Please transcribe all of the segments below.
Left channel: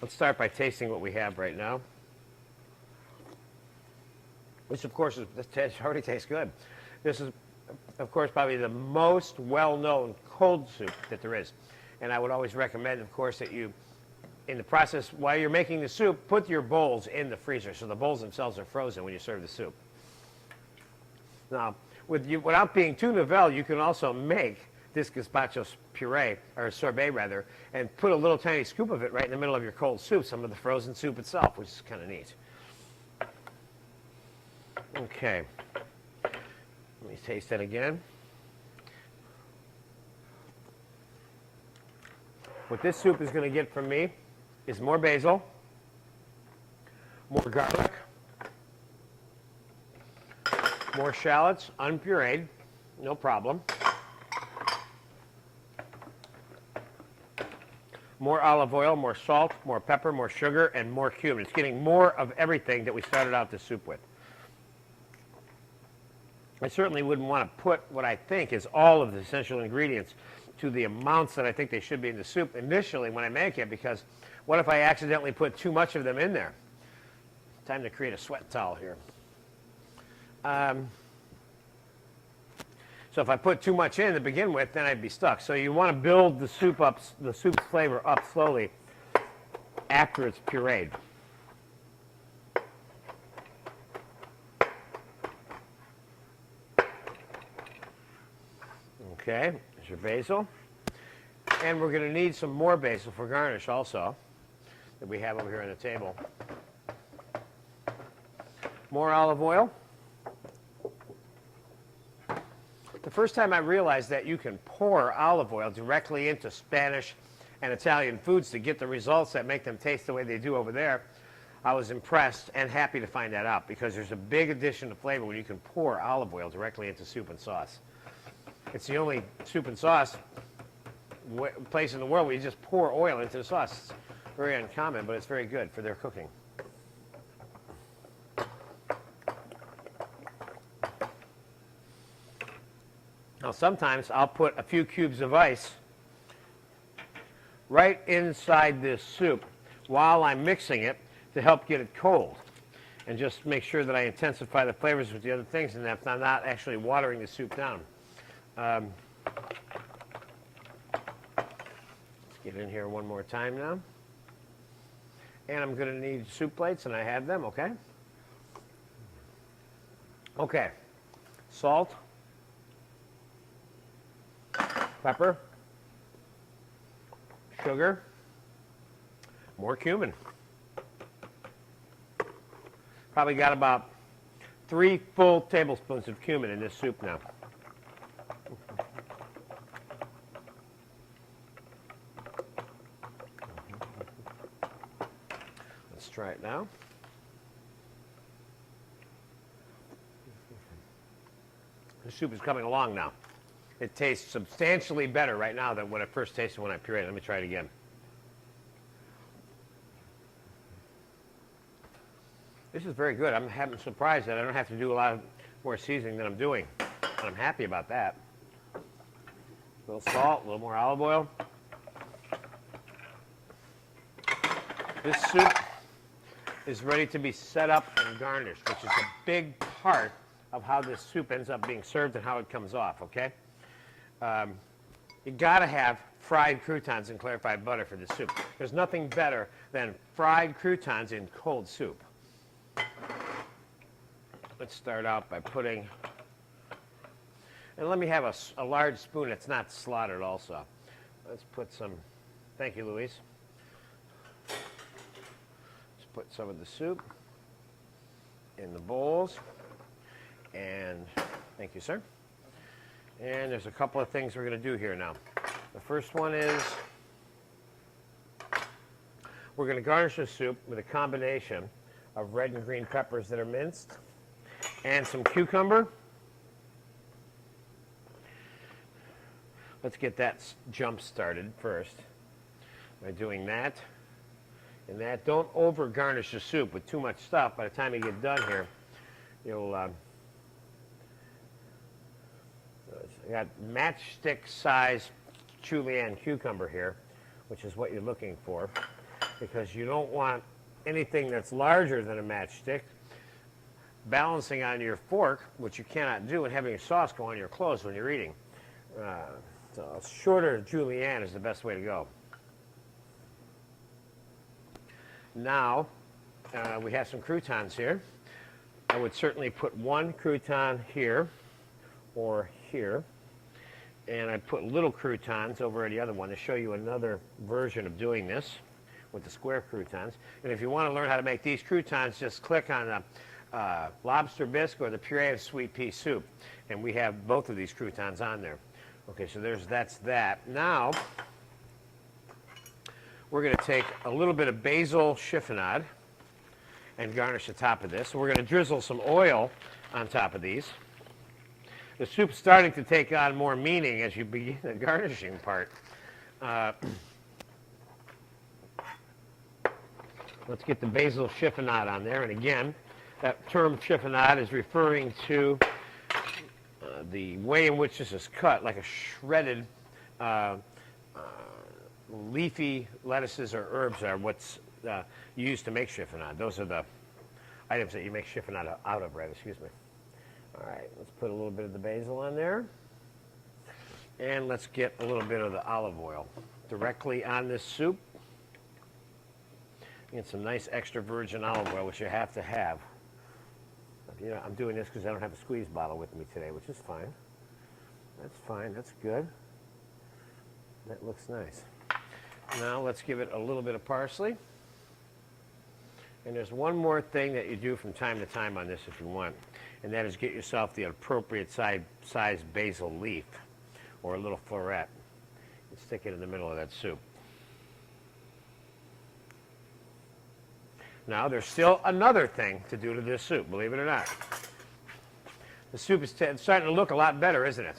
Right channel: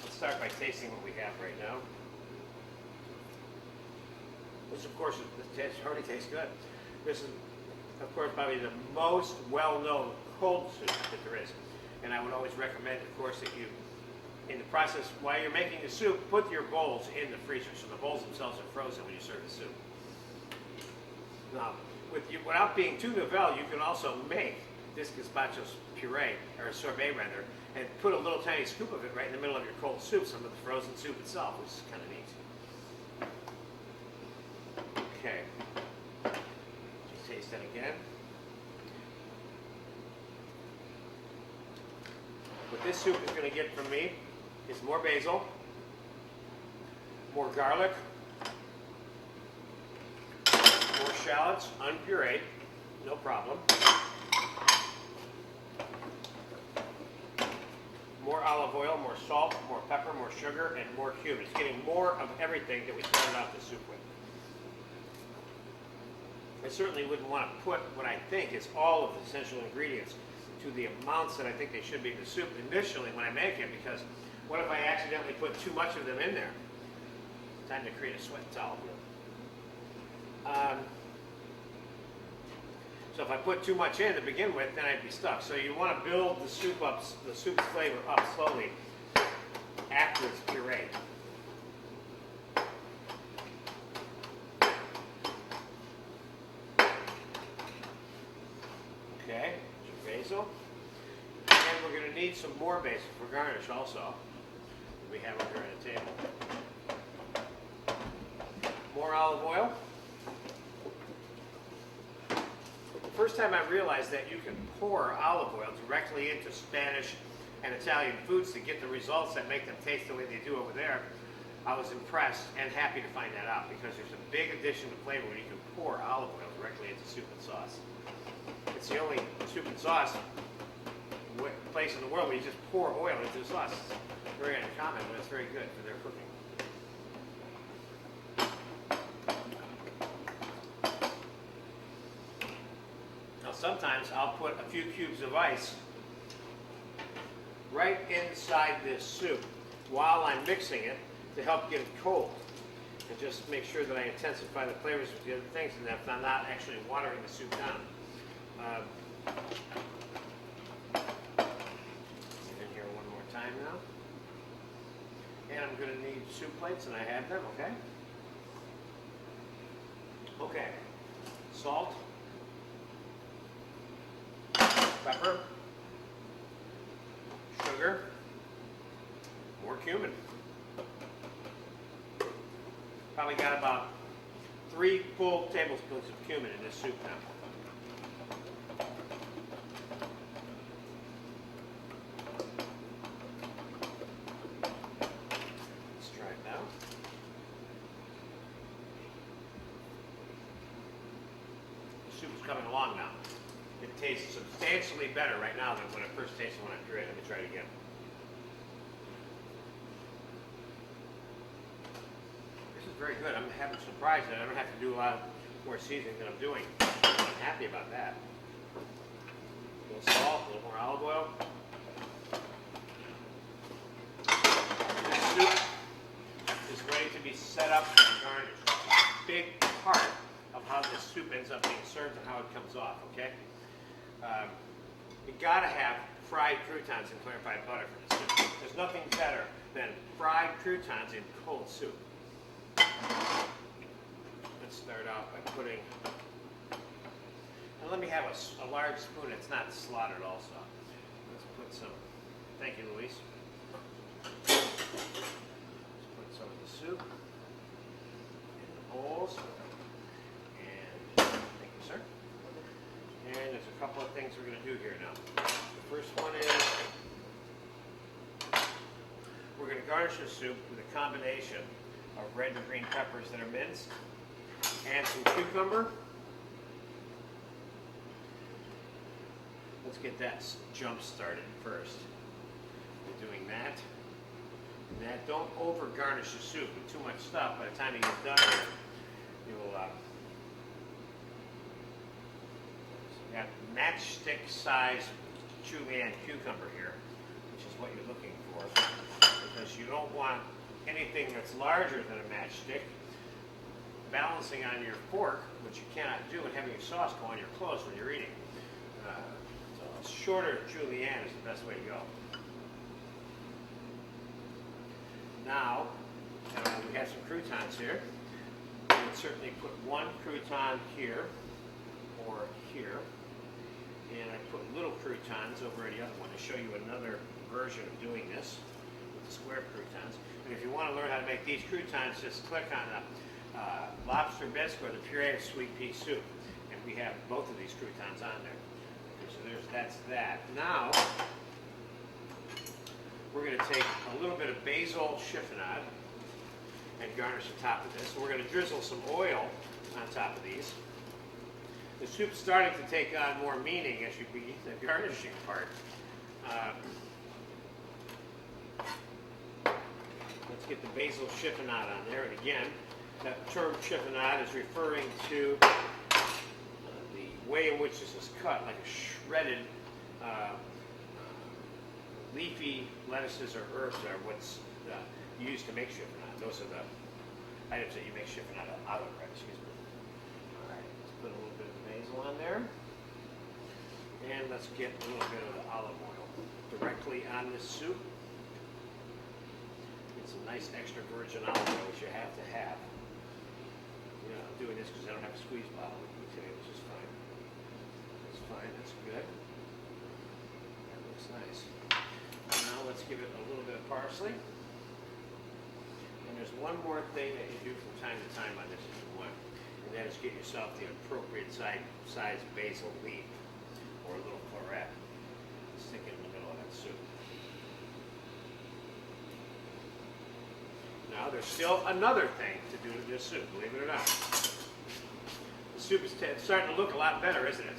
Let's start by tasting what we have right now, which of course already tastes good. This is, of course, probably the most well-known cold soup that there is. And I would always recommend, of course, that you, in the process, while you're making the soup, put your bowls in the freezer so the bowls themselves are frozen when you serve the soup. Now, without being too novel, you can also make this gazpacho puree, or sorbet rather, and put a little tiny scoop of it right in the middle of your cold soup, some of the frozen soup itself, which is kind of neat. Okay. Let me taste that again. What this soup is going to get from me is more basil, more garlic, more shallots, unpureed, no problem. More olive oil, more salt, more pepper, more sugar, and more cumin. It's getting more of everything that we started out the soup with. I certainly wouldn't want to put what I think is all of the essential ingredients to the amounts that I think they should be in the soup initially when I make it, because what if I accidentally put too much of them in there? Time to create a sweat towel here. So if I put too much in to begin with, then I'd be stuck. So you want to build the soup up, the soup flavor up slowly after it's pureed. Okay, there's your basil. And we're going to need some more basil for garnish also, that we have over here on the table. More olive oil. The first time I realized that you can pour olive oil directly into Spanish and Italian foods to get the results that make them taste the way they do over there, I was impressed and happy to find that out, because there's a big addition to flavor when you can pour olive oil directly into soup and sauce. It's the only soup and sauce place in the world where you just pour oil into the sauce. It's very uncommon, but it's very good for their cooking. Now sometimes I'll put a few cubes of ice right inside this soup while I'm mixing it to help get it cold, and just make sure that I intensify the flavors with the other things and that I'm not actually watering the soup down. Get in here one more time now. And I'm going to need soup plates, and I have them, okay? Okay. Salt. Pepper. Sugar. More cumin. Probably got about 3 full tablespoons of cumin in this soup now. Let's try it now. The soup is coming along now. It tastes substantially better right now than what I first tasted when I pureed. Let me try it again. This is very good. I'm surprised that I don't have to do a lot more seasoning than I'm doing. I'm happy about that. A little salt, a little more olive oil. This soup is ready to be set up and garnished, which is a big part of how this soup ends up being served and how it comes off, okay? You gotta have fried croutons and clarified butter for this soup. There's nothing better than fried croutons in cold soup. Let's start out by putting, and let me have a large spoon that's not slaughtered also. Let's put some, thank you, Luis. Let's put some of the soup in the bowls, and thank you, sir. And there's a couple of things we're going to do here now. The first one is we're going to garnish the soup with a combination of red and green peppers that are minced and some cucumber. Let's get that jump started first by doing that. And that, don't over garnish the soup with too much stuff. By the time you get done here, you'll you got matchstick size julienne cucumber here, which is what you're looking for. because you don't want anything that's larger than a matchstick balancing on your fork, which you cannot do, and having your sauce go on your clothes when you're eating. So shorter julienne is the best way to go. Now, we have some croutons here. I would certainly put one crouton here or here, and I put little croutons over at the other one to show you another version of doing this with the square croutons. And if you want to learn how to make these croutons, just click on the lobster bisque or the puree of sweet pea soup, and we have both of these croutons on there. Okay, so that's that. Now, we're going to take a little bit of basil chiffonade and garnish the top of this. So we're going to drizzle some oil on top of these. The soup's starting to take on more meaning as you begin the garnishing part. Let's get the basil chiffonade on there. And again, that term chiffonade is referring to the way in which this is cut, like a shredded leafy lettuces or herbs are what's used to make chiffonade. Those are the items that you make chiffonade out of, right? Excuse me. All right, let's put a little bit of the basil on there. And let's get a little bit of the olive oil directly on this soup. Get some nice extra virgin olive oil, which you have to have. You know, I'm doing this because I don't have a squeeze bottle with me today, which is fine. That's fine, that's good. That looks nice. Now let's give it a little bit of parsley. And there's one more thing that you do from time to time on this if you want, and that is get yourself the appropriate size basil leaf or a little floret. Stick it in the middle of that soup. Now there's still another thing to do to this soup, believe it or not. The soup is starting to look a lot better, isn't it?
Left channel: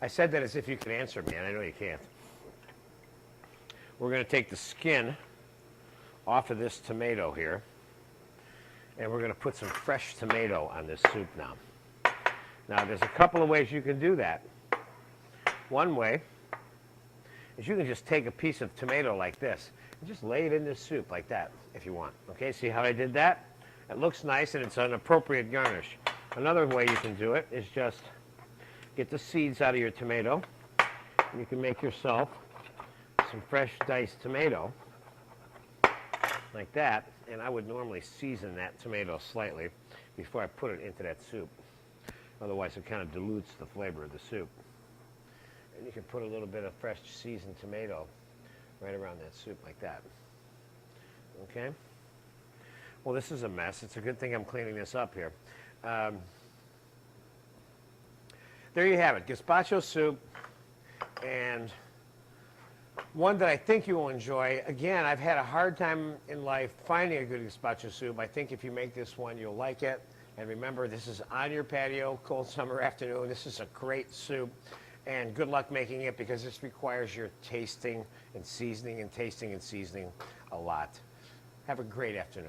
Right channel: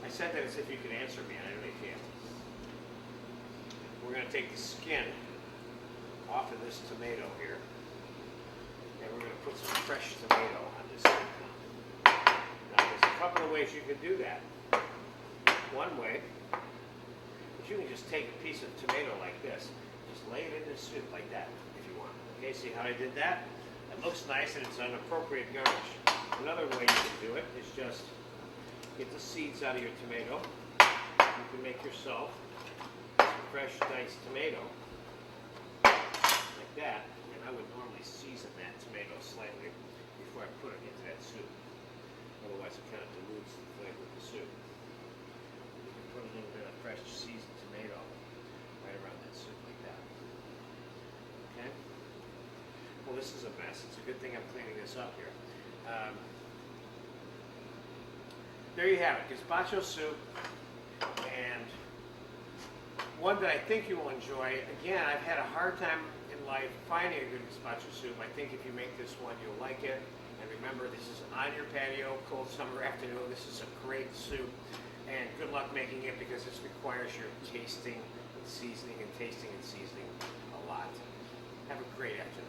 I said that as if you could answer me, and I know you can't. We're going to take the skin off of this tomato here, and we're going to put some fresh tomato on this soup now. Now there's a couple of ways you can do that. One way is you can just take a piece of tomato like this and just lay it in this soup like that if you want. Okay, see how I did that? It looks nice and it's an appropriate garnish. Another way you can do it is just get the seeds out of your tomato. You can make yourself some fresh diced tomato like that, and I would normally season that tomato slightly before I put it into that soup. Otherwise it kind of dilutes the flavor of the soup. And you can put a little bit of fresh seasoned tomato right around that soup like that. Okay? Well, this is a mess. It's a good thing I'm cleaning this up here. There you have it, gazpacho soup, and one that I think you will enjoy. Again, I've had a hard time in life finding a good gazpacho soup. I think if you make this one, you'll like it. And remember, this is on your patio, cold summer afternoon. This is a great soup, and good luck making it because this requires your tasting and seasoning and tasting and seasoning a lot. Have a great afternoon.